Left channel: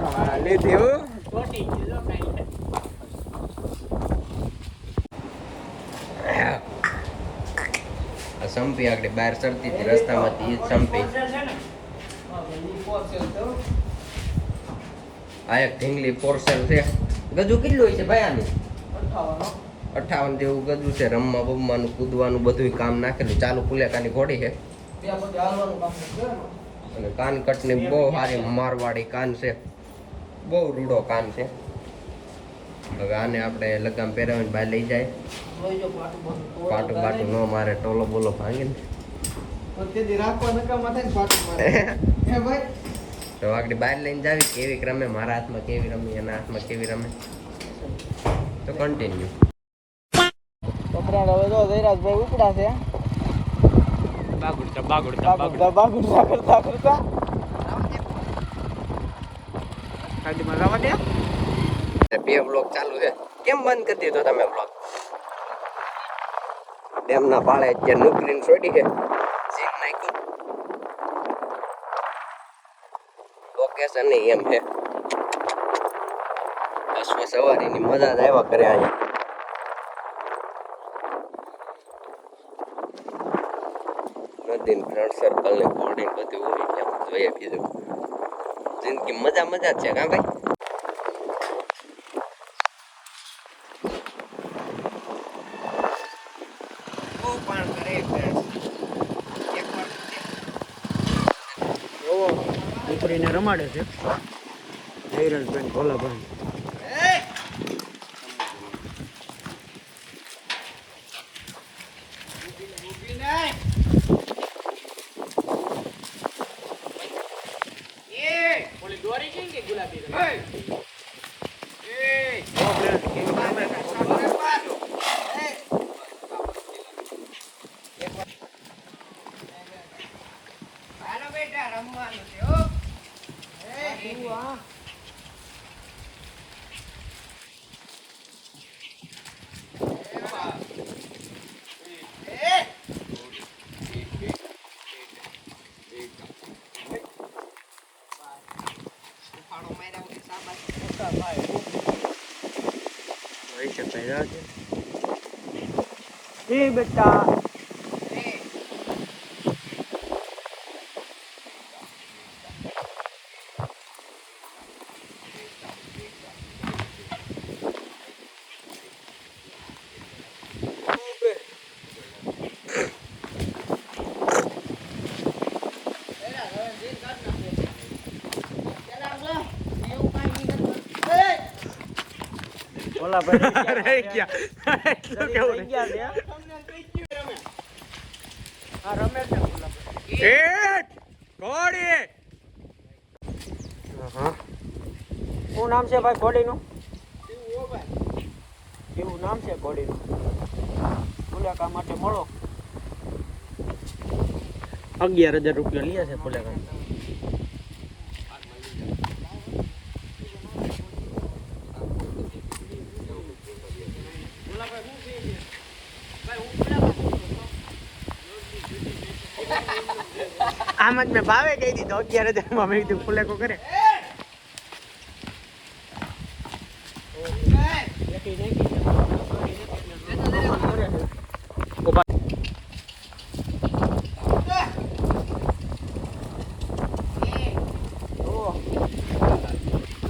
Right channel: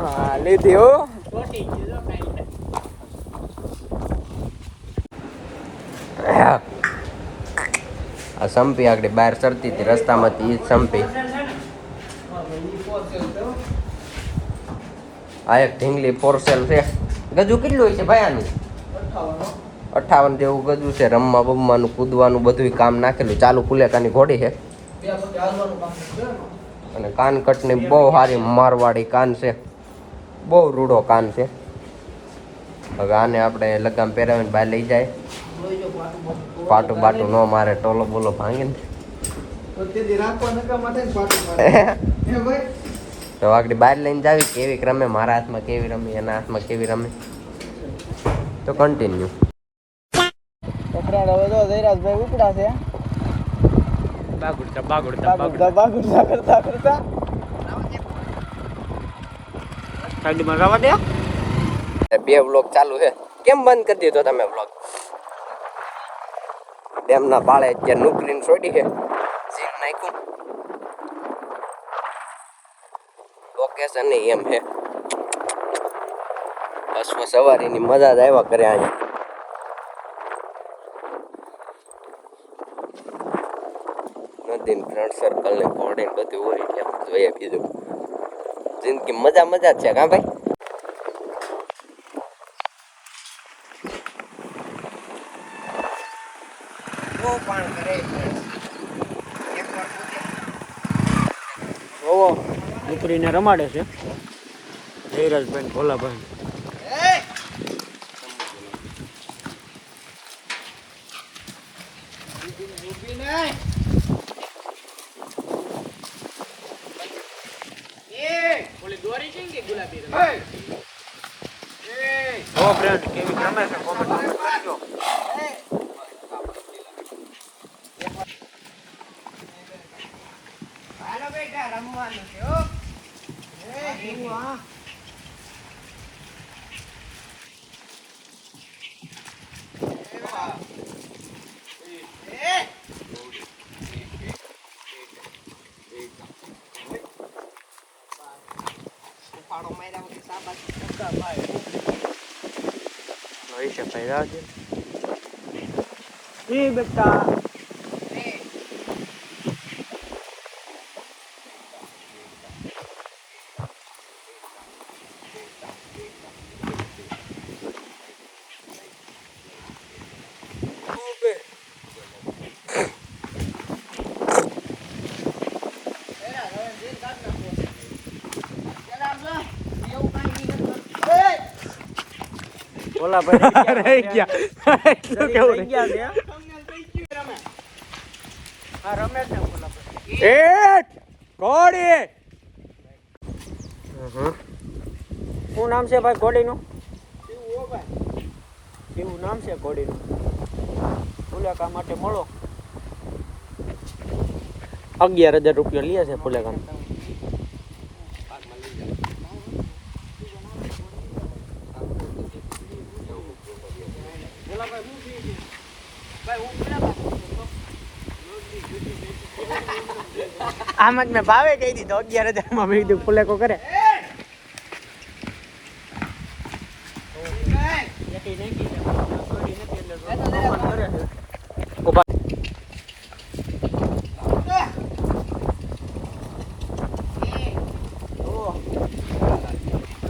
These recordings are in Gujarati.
હા લીધી હો. આ સંપી આગળ બહાર ચડતી હતી રસ્તામાંથી સંપી. આ એક ઢીંગલી ફોરસેલ છે. ગજુ કેટલું છે ભાઈ આની? 58 જેવું ગજુ છે. રમવા બમવાનું કૂદવાનું બધું કામ નાખેલું. ચાલુ કુલેકાની ઘોડી છે. અને કાનકટની બહુ સારી મારવાડી કાન છે. બહુ રૂડો કાન છે. હવે આને આપણે લગામ પહેરાવીને બહાર લઈ જાય. પાટું બાટું ન મારે, ટોલો બોલો ભાંગીને. તો આગળ બહાર લઈને જાવી કેવી રમે, મારા હાથમાં કેવી રમી, એના હાથમાં કેવી રમે. તો કન્ટિન્યુ. ધૈરાજભાઈ ઉપડા છે. બાગુડતા કરતા કરતા સાઈડમાં જવા દે. બે વ્લોગ ચાલુ છે. કેમ બંધ કરી દીધો તમે વ્લોગ? ડેમના પાળે અત્યારે નોકરીને છોડી છે. સીન નાખ્યું. લોકેશન એમ છે. અશ્વ સવારીની મજા જ આવ્યા કરે અહીંયા. નદીન ફ્રેન્ડ સર્કલ ને ઘોડે બધું હોય એટલે જોઈએ બીજું. જિંદગી મજા મજા જ છે કા ભાઈ? પાણ કરે દીકરીને રમાડે છે ધૈરાજભાઈ ભોલાભાઈ. રમવાનું છે. બેટા રહી ગયા. એટલું કેવું રહી ગયા? શું નામ છે ભાઈ ઘોડીનું? એવું નામ છે ઘોડીનું. ફુલેકા માટે મળો. 11,000 રૂપિયા લે છે ફુલેકા. આમ જ મેં ભાવે કહી દીધો 11,000 માં. મેં કીધું ફુલેકો કરે.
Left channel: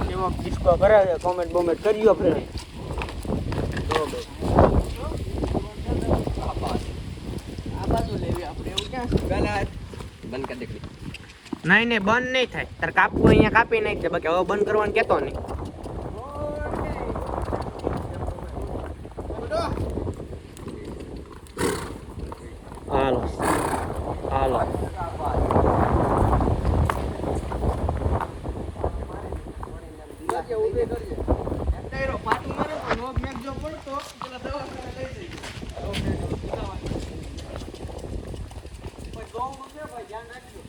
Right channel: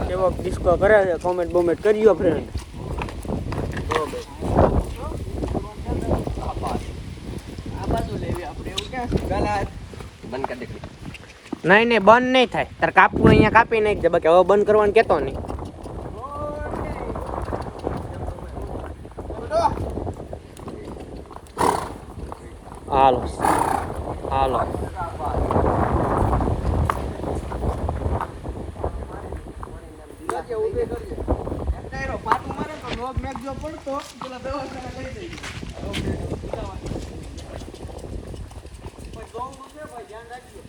કેવો ડિસ્કો કરે છે, કોમેન્ટ બોમેન્ટ કરજો ફ્રેન્ડ. આ બાજુ લેવી આપણે એવું ક્યાં બંધ કરી દે. નહીં નહીં બંધ નહીં થાય. તાર કાપવું અહીંયા કાપી નાખજે. બાકી હવે બંધ કરવાનું કેતો નહીં. હાલો હાલો. પાટું મારે તો લોક મેચ જો પડતો પેલા દવાખાના લઈ જઈ. ધ્યાન રાખજો.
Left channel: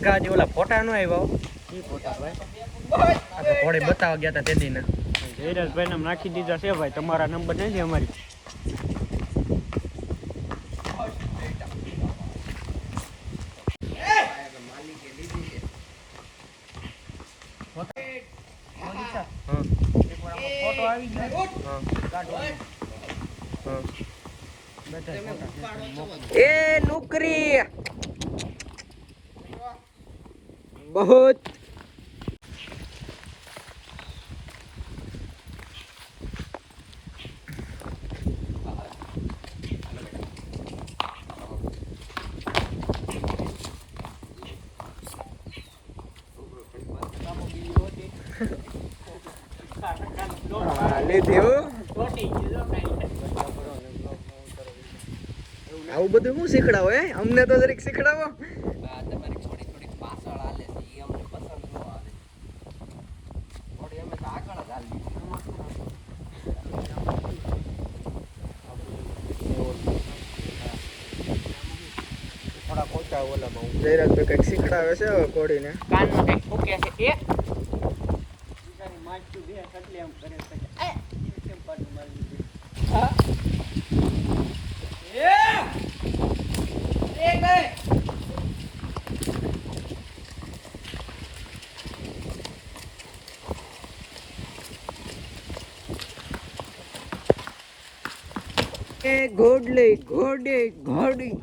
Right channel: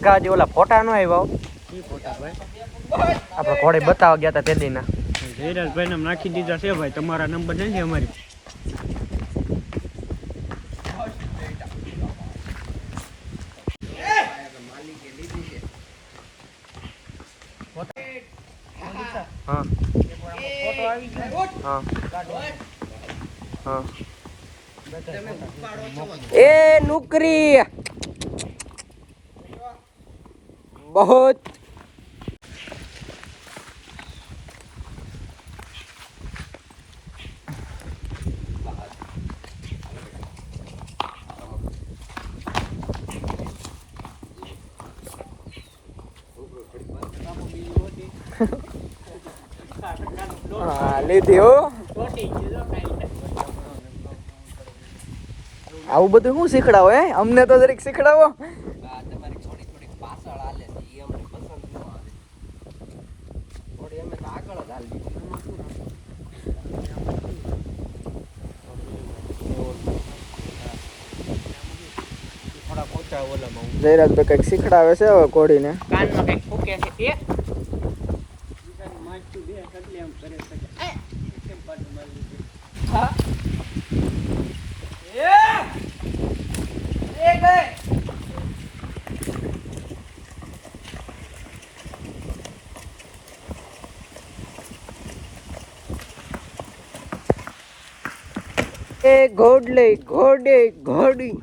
રગા હજી ઓલા ફોટા નો આવ્યા આપણે ઘોડે બતાવવા ગયા હતા તે દીના જયરાજભાઈ નામ નાખી દીધા છે ભાઈ તમારા નંબર નહીં દે અમારી હા હા એ નુકરી बहुत લીધી હો આવું બધું શું શીખડાવો હે અમને તો જરીક શીખડાવો જયરાજભાઈ કઈક શીખડાવે છે હવે કોડીને કાનમાં કઈક ફૂક્યા છે એ ઘોડલે ઘોડે ઘોડી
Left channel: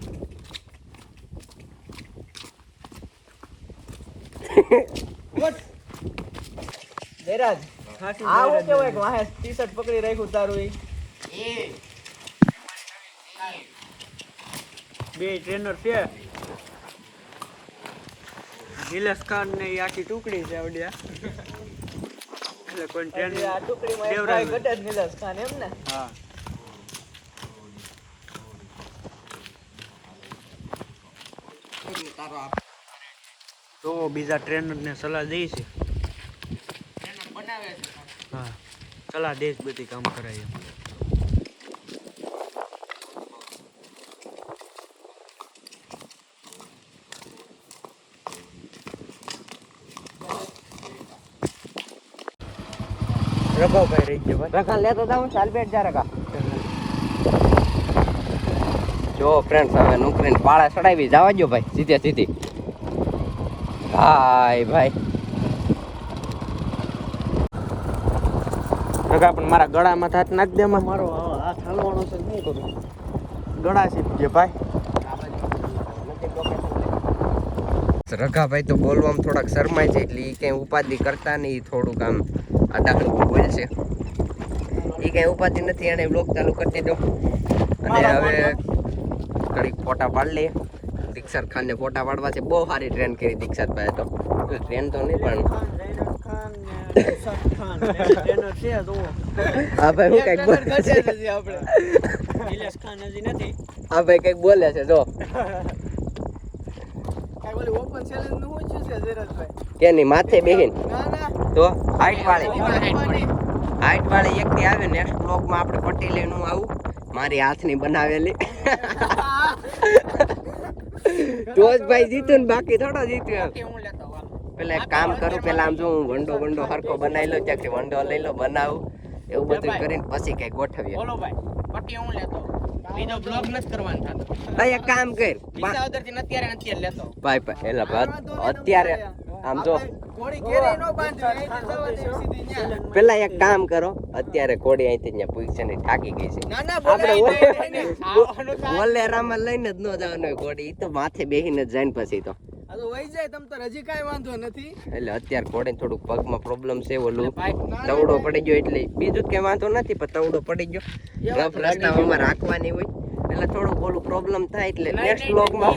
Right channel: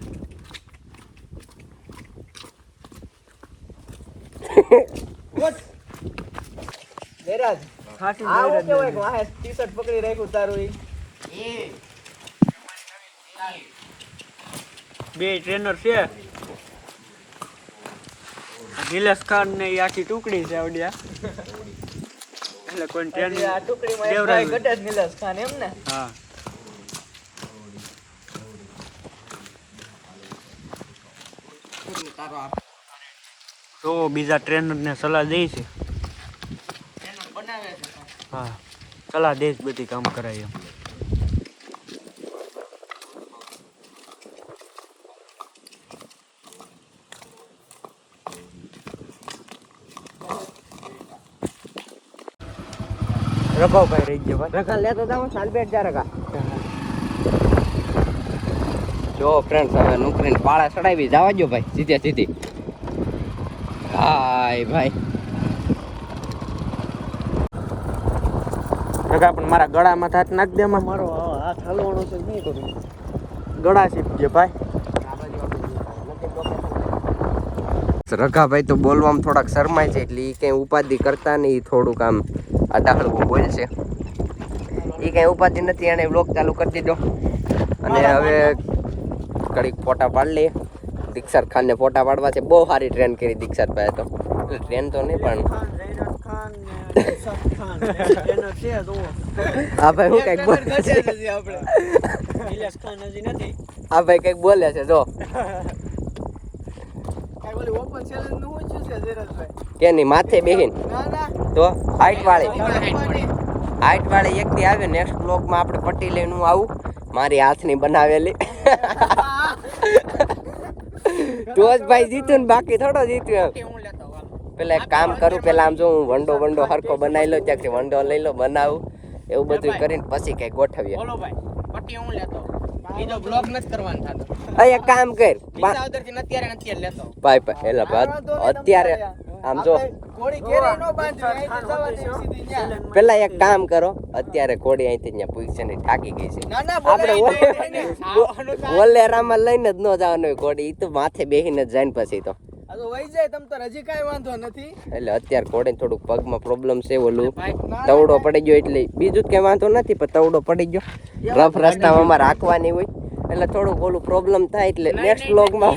જયરાજ ખાટી જયરાજ કેવો એક વાહે ટી-શર્ટ પકડી રાખ્યું તારું એ બે ટ્રેનર છે નિલેશ ખાન ને ઈ આખી ટુકડી છે આવડિયા એટલે કોઈ ટ્રેનિંગ દેવરાજ ગટે નિલેશ ખાન એમ ને હા તો બીજા ટ્રેનર ને સલાહ દે છે હા સલાહ દે બધી કામ કરાય એમ રઘાભાઈ રહી ગયો રઘા લેતો જાવ ચાલ બેઠ જા રઘા જો ફ્રેન્ડ્સ હવે નોકરીને પાળા ચડાવી જવા દો ભાઈ સીધે સીધી હાય ભાઈ રઘા પણ મારા ગળામાં હાથ નાખ દે મારો હાથ હલવાનો છે નહીં કરું ગળા સીધજે ભાઈ રઘાભાઈ તો બોલવામાં થોડાક શરમાય છે એટલે એ કંઈ ઉપાધિ કરતા નહીં થોડુંક આમ અડાહળવું બોલશે એ કંઈ ઉપાધિ નથી એને વ્લોગ ચાલુ કરી દીધો અને હવે ઘડીક ફોટા પાડી લઈએ દીક્ષર ખાનને ફોટા પાડવા છે બહુ સારી ટ્રેન કરી દીક્ષરભાઈ તો ટ્રેન તો નહીં પણ હા ભાઈ હું કંઈક બોલે છે હા ભાઈ કંઈક બોલે છે જો કે નહીં માથે બેહીન તો હાઈટ વાળી એક દી આવે નેક્સ્ટ બ્લોગમાં આપણે પટ્ટી લઈને હું આવું મારી હાથની બનાવેલી જોશભાઈ જીત્યું ને બાકી થોડો જીત્યો પેલા એક કામ કરું પેલા આમ જો હું વંડો હરખો બનાવી લઉં ત્યાંથી વંડો લઈ લો બનાવું એવું બધું કરીને પછી કઈ ગોઠવીએ એક કામ કર ભાઈ અત્યારે આમ જો પેલા એક કામ કરો અત્યારે કોડી અહીંથી ત્યાં પૂછશે ને થાકી ગઈ છે આપણે વલેરામાં લઈને જ ન જવાનું હોય કોડી તો માથે બેહીને જ જાય ને પછી તો એટલે અત્યારે કોડે થોડુંક પગમાં પ્રોબ્લેમ છે ઓલું તવડો પડી ગયો એટલે બીજું જ કઈ વાંધો નથી પણ તવડો પડી ગયો રફ રસ્તામાં અમારે રાખવાની હોય એટલે થોડુંક ઓલું પ્રોબ્લેમ થાય એટલે નેક્સ્ટ બ્લોગમાં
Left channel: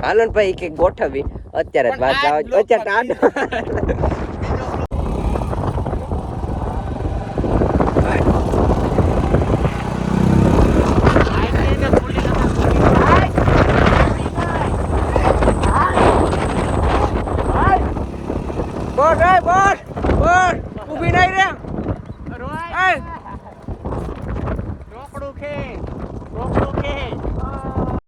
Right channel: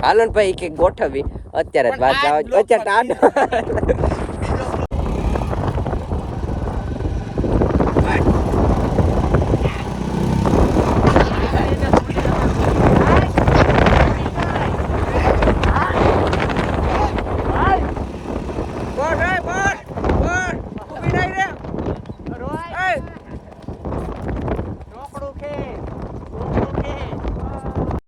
હાલો ને ભાઈ કે ગોઠવી અત્યારે જ વાત જાવ અત્યારે